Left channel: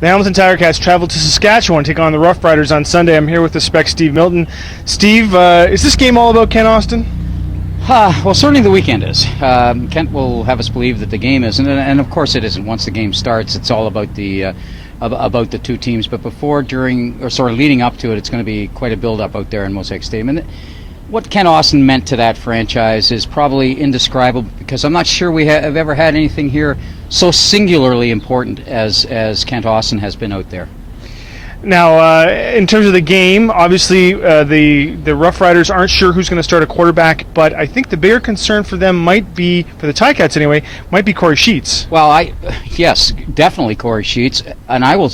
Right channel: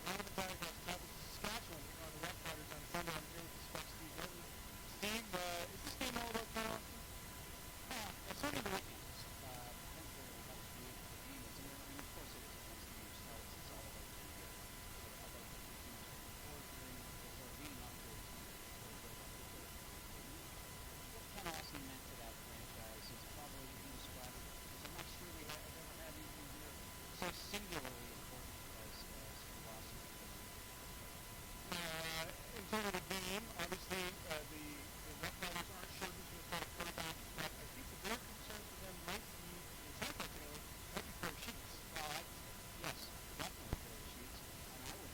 The Hamilton Ticats travel to Saskatchewan to take on the Rough Riders on Sunday. I'm here with the Spec Steve Milton. Steve, is this game all about Kent Austin? Well, certainly the weekend is. Kent will have us believe that the game isn't, and of course it isn't. Once the game starts, it's all about the two teams. But before, during, or sort of leading up to it, it's going to be quite a build-up out there in Mosaic Stadium. And what Kent Austin meant to that franchise is probably indescribable, because I'm not sure we have ever had anything here so singularly important as Kent Austin has been out there. Now, in terms of the game, obviously the Rough Riders aren't sure who's going to start a quarterback, but I think the bigger concern for them might be, for the Ticats anyway, might be Corey Sheets. Well, yes, definitely Corey Sheets, and I will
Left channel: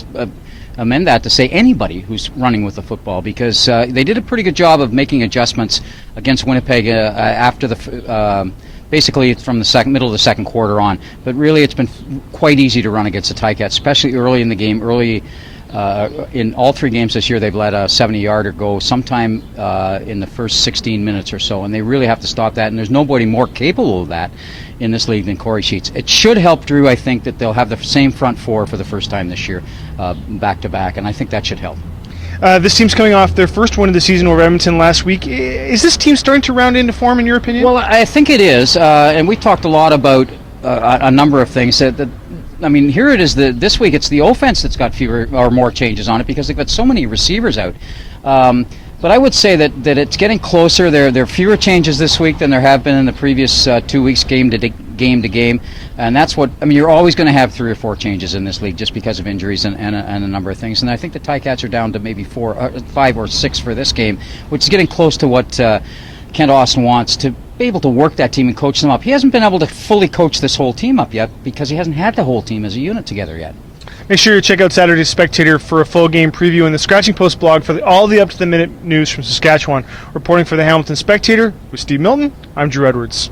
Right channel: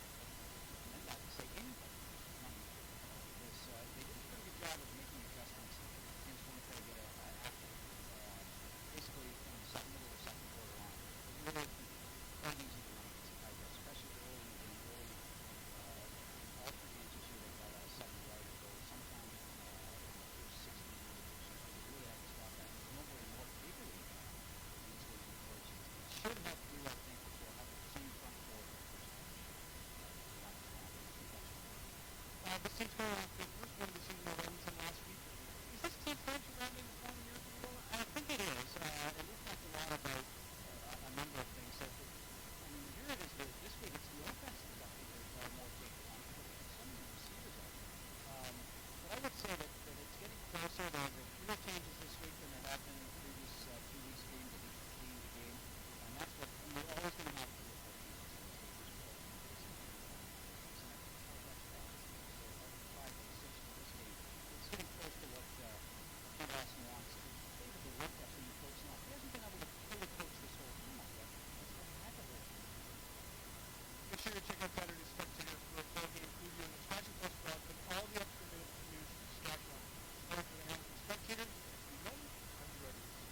amend that to say anybody who's running with the football, because they did a pretty good job of making adjustments against Winnipeg after the basically from the middle of the second quarter on. But really, it's been quite easy to run against the Ticats, especially early in the game. In all three games this year, they've let a 70-yarder go sometime in the first 16 minutes or so, and they really have to stop that. And there's nobody more capable of that in this league than Corey Sheets. It should help Drew, I think, that they'll have the same front four for the first time this year, back-to-back, and I think that should help. This team's coming off their first win of the season over Edmonton last week. Is this team starting to round into form, in your opinion? Well, I think it is, and we talked a lot about a number of things. I mean, here it is. This week, it's the offense that's got fewer or more changes on it, because they've got so many receivers out. But I would say that it's getting closer. There are fewer changes this week than there have been in the previous 2 weeks, game to game, and that's what I mean. You're always going to have 3 or 4 changes in this league just because of injuries and a number of things. And I think the Ticats are down to maybe 5 or 6 for this game, which is getting close to what Kent Austin wants, to be able to work that team and coach them up. He hasn't been able to fully coach this whole team up yet because he hasn't had the whole team as a unit together yet. Make sure you check out Saturday's Spectator for a full game preview and the Scratching Post blog for all the up-to-the-minute news from Saskatchewan. Reporting for the Hamilton Spectator with Steve Milton, I'm Drew Edwards.